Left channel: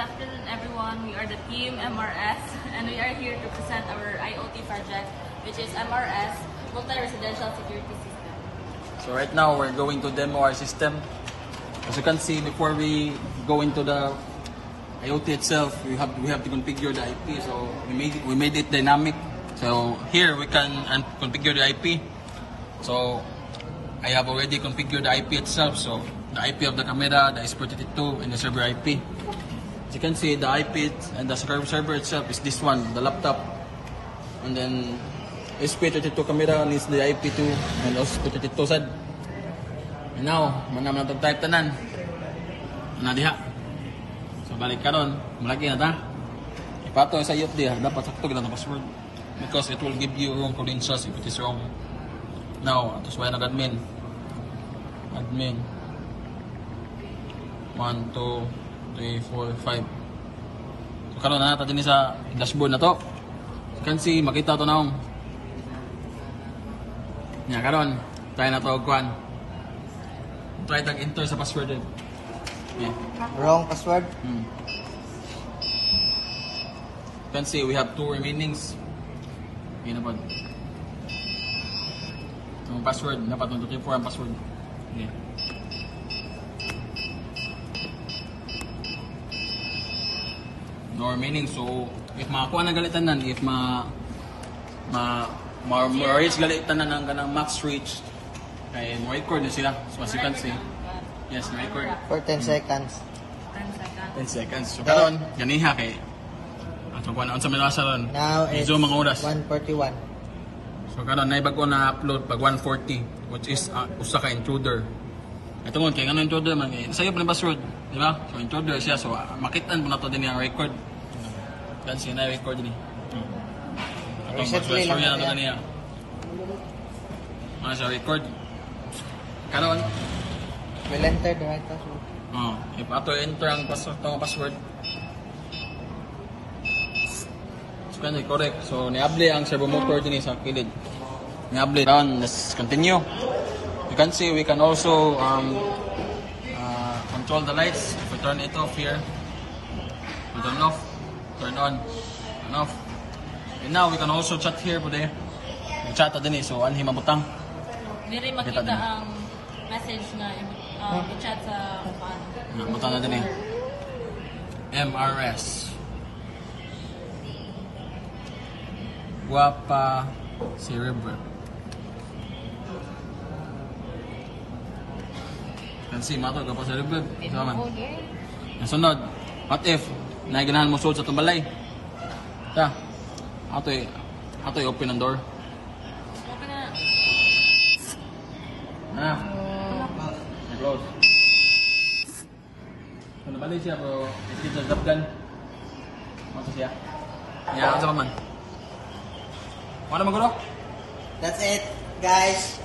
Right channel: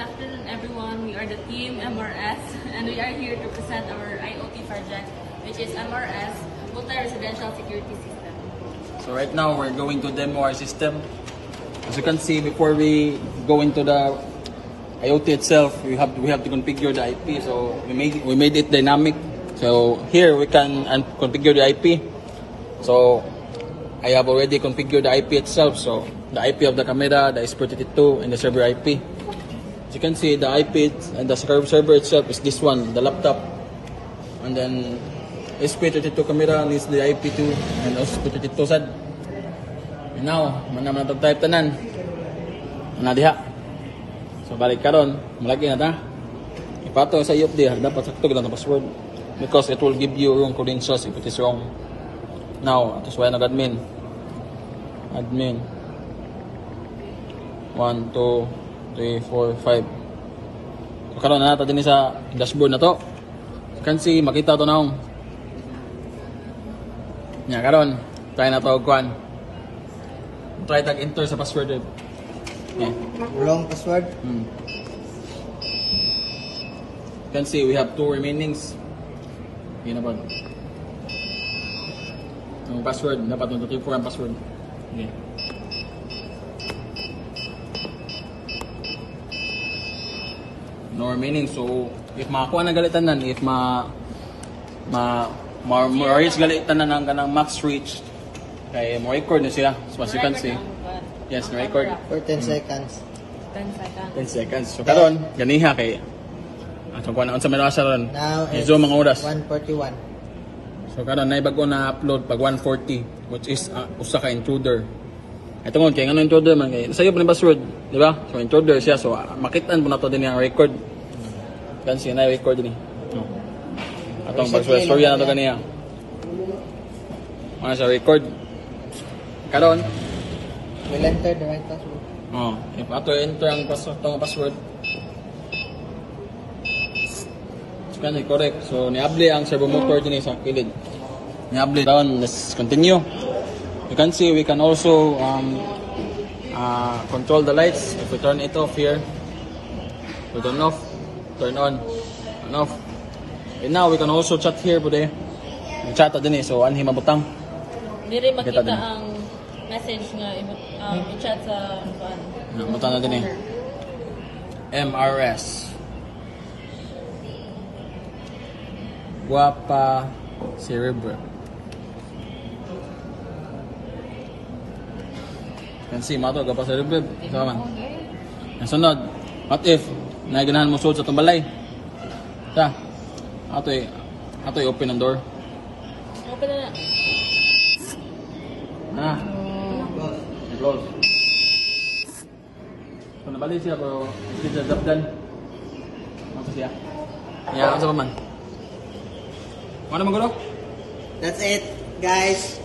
afternoon, everyone. We are the team MRS, and we are here to present our IoT project, which is MRS, Multi-Residential Security System. So right now, we're going to demo our system. As you can see, before we go into the IoT itself, we have to configure the IP. So we made it dynamic. So here we can configure the IP. So I have already configured the IP itself. So the IP of the camera, the SP32, and the server IP. As you can see, the IP and the server itself is this one, the laptop. And then SP32 camera needs the IP2 and also SP32 sad. And now, manaman na type tanan. Na diha. So balik karon, malagi na ta. Ipato sa UFD, dapat sakto lang ang password because it will give you yung credentials if it is wrong. Now, it is why nag-admin. Admin. 1, 2, 3, 4, 5. So karon na nato din sa dashboard na to. You can see, makita to naong. Nya karon, try na to kuan. Try tag enter sa password. Yeah. Wrong password. You can see we have 2 remainings. Yun na ba? Yung password, dapat 1, 2, 3, 4 ang password. Okay. No remaining. So, if makakuha na galitan nan, if ma-reach galitan na ng kanang max reach, kaya mo record na sila. So, as you can see. Yes, record. For 10 seconds. 10 seconds. 10 seconds. So, karon ganiha kay atong kuha na sa merasa ron. Now it's Zoom ang oras. 1:41. So karon nay bago na upload pag 1:40, which is usa ka intruder. Ito ngon kay ngano intruder man kay sayo pa ni password, di ba? So intruder siya, so makitaan po na to din ang record. Kan siya na record din. Atong password sorry na to kaniya. Ano sa record? Karon We'll enter the right password. if after enter ang password kan correct. So niable ang servo motor din sa kilid. Niable down. Let's continue. You can see we can also control the lights. If we turn it off here, we turn off, turn on, and off. And now we can also chat here bude. Chat din so anhi mabutang. Diri makita ang message na i-chat sa kuan. Mabutang na din MRS. Guapa Cerebro. Can see mato Guapa Cerebro. Saman. Ang sunod, what if naiganahan mo suod sa tumbalay? Ta. Atoy open ang door. Open na. Na. Close. Kung nabalik siya pero hindi siya zapdan. Ano siya? Yeah, ano sa paman? Ano maguro? That's it, guys.